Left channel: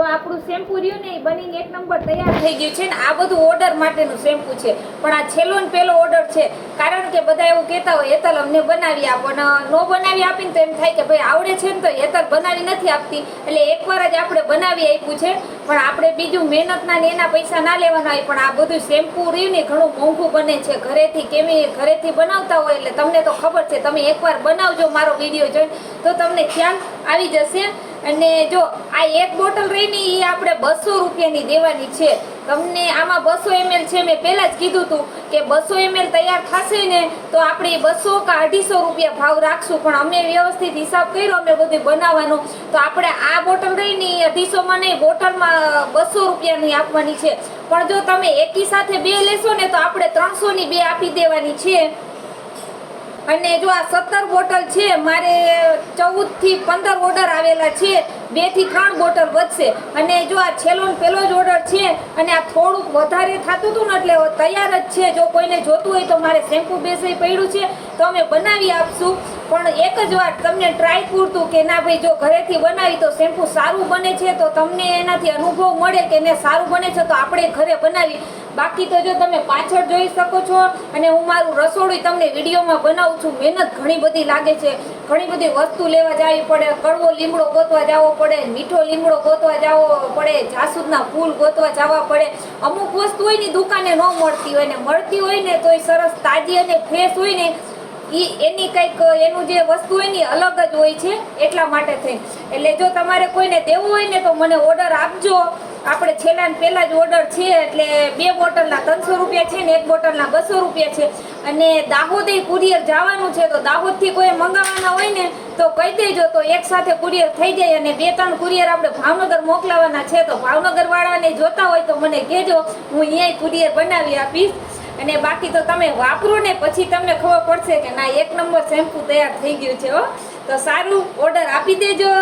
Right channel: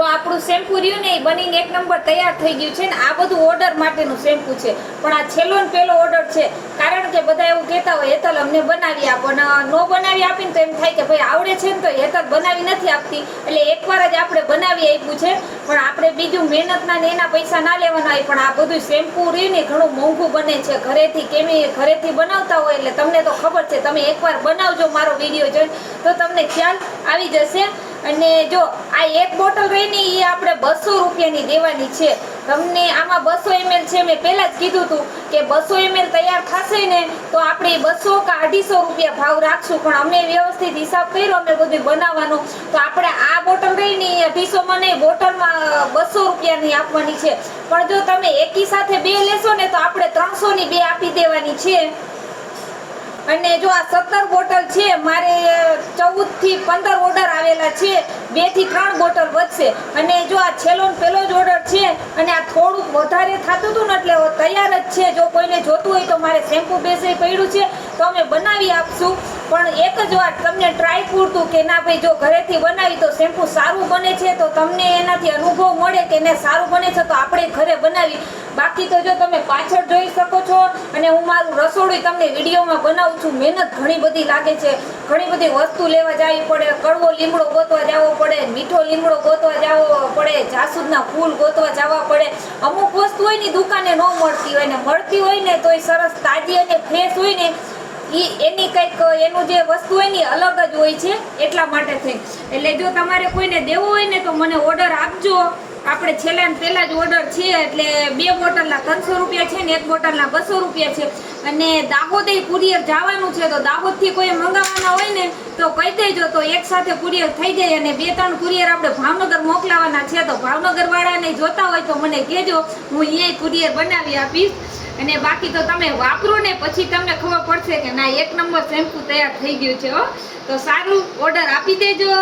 જો આપણું શેમ્પુ રહ્યું ને એ બનીને એક નંબર તૈયાર થઈ ગયું છે ને આ બધું ઓર્ડર માટેનું શેમ્પુ છે પણ આ છેલ્લો ને પહેલો ઓર્ડર છે કારણ કે બધા એવું કહેતા હોય હેતલ અમને બનાવી આપો ને ન બનાવી આપીને તો એમ થાય કે ભાઈ આવડે છે ને તો હેતલ બનાવી નથી આપતી એટલે એકવાર જ આપણે બનાવી આપ્યું છે પણ આપણે બીજું મહેનતના ને એના પૈસા ના લેવાના હોય પણ આ બધું શેમ્પુ રહ્યું ને ઘણું મોંઘું બને છે ઘરેથી બનાવતા હોય એટલે તમને તો ખબર છે તમે એકવાર બનાવજો મારો વિડીયો જોઈને તો તમને ખ્યાલ આવી જશે અને જો આ એક બોટલ રહીને એ આપણે 200 રૂપિયાની દેવાની છે તમને આમાં 200 ml છે મેં પહેલા જ કીધું હતું કે 200 ml તૈયાર થશે ને તો આપણે 200 કે 250 રૂપિયા ભાવ રાખશું પણ અમે વ્યવસ્થિત હિસાબ કર્યો અમે બધું બનાવવાનું તો આપણે આ બોટલ રહીને 250 માં નહીં બોટલમાં 200 રૂપિયાની આપવાની છે પણ જો તમે એકી સાથે બે લેશો ને તો આપણે 300 ની બે આપી દેવાની છે અને જો આ 17 બોટલ છે મારે 14 થી 15 ઓર્ડર આવેલા છે 2 થી 3 બોટલ વધશે અને જો આ છેલ્લો ને પહેલો જ ઓર્ડર છે અને આ થોડુંક વધારે થતું હતું ને એટલે તૈયાર જ છે જો કોઈને જોતું હોય તો મારે શેમ્પુ બેસે પડ્યું છે તો અમે બનાવી આપશું પણ એક જ વાર તમને ટ્રાય પૂરતું કે ના ભાઈ જો ઘરેથી બનાવી તો શેમ્પુ સારું બને છે તો તમને એનાથી અનુભવ મળે કે ને સારું બને છે તો આપણે ઘરે બનાવી બાકી તો જો તમે પાછળ જોઈ શકો છો અને હું મારું રસોડું તમને વિડીયોમાં બનાવું છું મહેનત ઘણી બધી લાગે છે ઘણી બધી વસ્તુ લેવા જવી પડે કડવો લીમડો ગોતવા જવો પડે મીઠો લીમડો ગોતવા જવો પડે જાસૂદના ફૂલ ગોતવા જવા પડે અમુક વસ્તુ હોય ને દુકાને ન મળતી હોય ને મળતી હોય ને તો એ સરસ તાજી અને ફ્રેશ હોય ને એની કંઈક એનું જે વસ્તુ હોય ને અલગ જ હોય છે એટલા માટે થઈ એટલે જો તમારે કોઈને દેવું હોય ને તો મને ઓર્ડર આપજો આપણે છેલ્લા ને પહેલા જ ઓર્ડર છે એટલે 2 બોટલના 300 રૂપિયા છે ને 1 બોટલના 200 રૂપિયા છે અને દાહોદ કુરિયર જવાનું છે તો દાહોદથી કોઈ મંગાવવાના હોય ને તો કહી દેજો તો એક સાથે કુરિયર થઈ જાય અને 2-3 કુરિયર આપણે ભાવનગર મોકલાવાના છે તો ભાવનગર વાળાને જોતા હોય તો મને કહેજો હું અહીંયા કુરિયર બનાવી આપીશ અને બાકી તો તમે વાપરો ને પછી તમને ખબર પડશે કે ના એક નંબર શેમ્પુ તૈયાર થઈ ગયું છે હો તો સારું ઓર્ડર આપી દેજો